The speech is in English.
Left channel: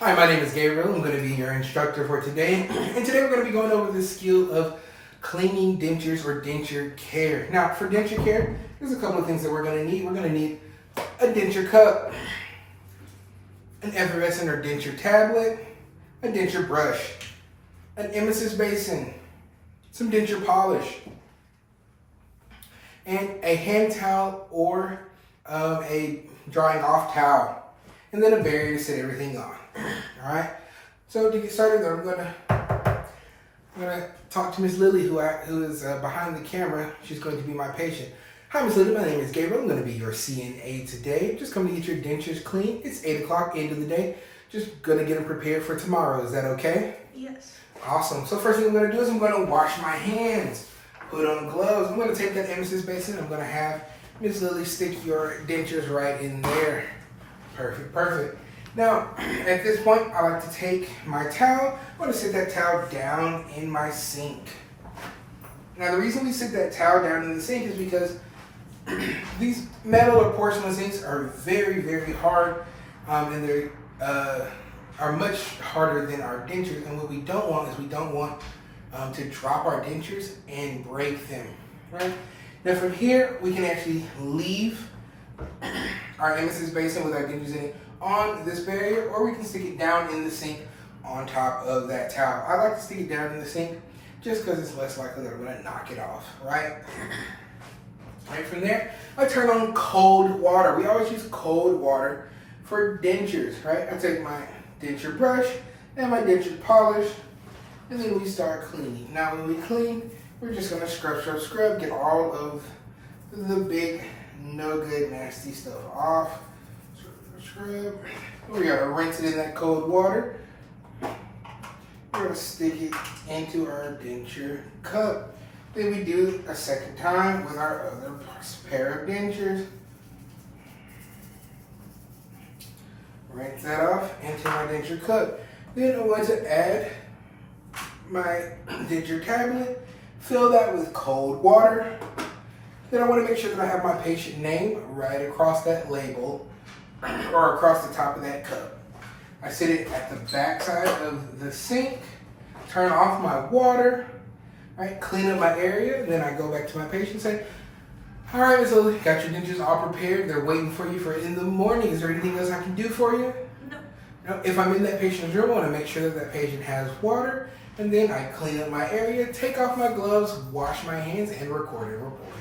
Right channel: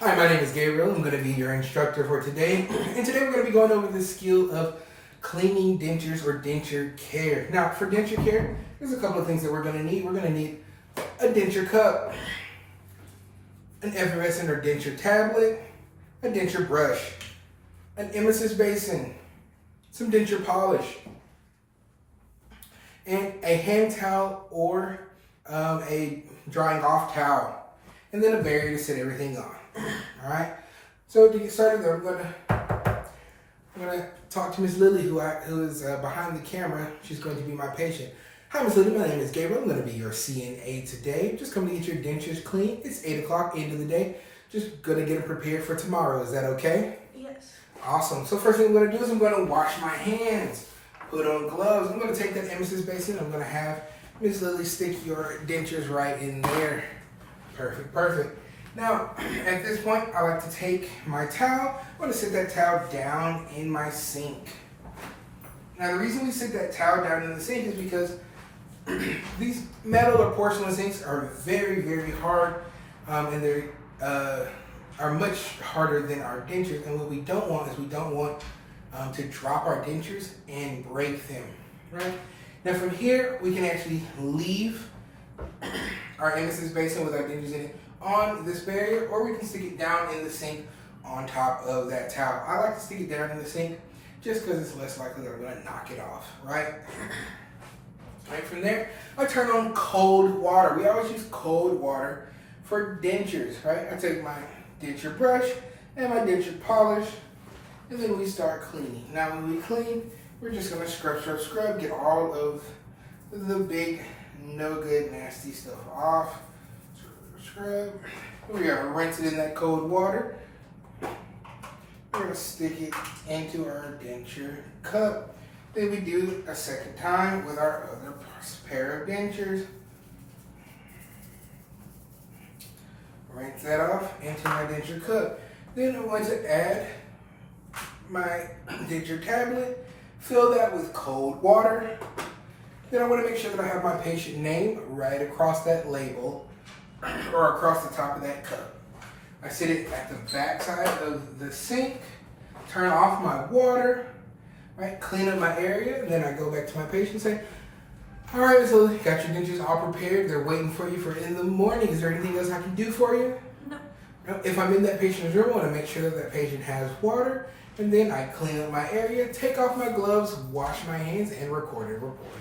Hi, my name is Gabriel. I'm going to be your instructor for today. And today we're going to be going over the skill of cleaning dentures or denture care. Now, for denture care, there's a couple of things that we're going to need. We're going to need a denture cup, an effervescent or denture tablet, a denture brush, an emesis basin, some denture polish, and a hand towel or a drying off towel, and then a barrier to set everything on. All right. So to get started, though, I'm gonna talk to Miss Lily, who is behind the camera. She's going to be my patient. Hi, Miss Lily. My name is Gabriel. I'm going to be your CNA today. Just coming to get your dentures clean. It's 8 o'clock, end of the day. Just gonna get them prepared for tomorrow. Is that okay? Yes. Awesome. So first thing I'm gonna do is I'm gonna wash my hands. Put on gloves. I'm gonna take that emesis basin. I'm gonna have Miss Lily stick your dentures right in there. Perfect, perfect. Now, at this point, I like to take my towel. I'm going to sit that towel down in my sink. Now, the reason we sit that towel down in the sink is because these metal or porcelain sinks are very, very hard, and they are much harder than our dentures. And what we don't want is we don't want to drop our dentures and break them, right? Now, from here, we can actually leave our emesis basin with our dentures in it on this barrier, or we can stick it down in the sink on top of that towel. I like to stick it down in the sink just because it's less likely that I'm going to knock it off, right? Right from there, I turn on cold water. We always use cold water for dentures, right? I take my denture brush and my denture polish, and then we start cleaning. Now when we clean, we're just going to scrub, get all of the big, no good, nasty stuff off. Scrub. We're going to rinse it in that cold water. We're going to stick it into our denture cup. Then we do a second time with our other pair of dentures. Rinse that off into my denture cup. Then I'm going to add my denture tablet. Fill that with cold water. Then I want to make sure that I have my patient name right across that label or across the top of that cup. I sit it at the back side of the sink, turn off my water, right? Clean up my area, and then I go back to my patient and say, all right, so got your dentures all prepared. They're waiting for you for in the morning. Is there anything else I can do for you? No. If I'm in that patient's room, I want to make sure that that patient has water, and then I clean up my area, take off my gloves, wash my hands, and record a report.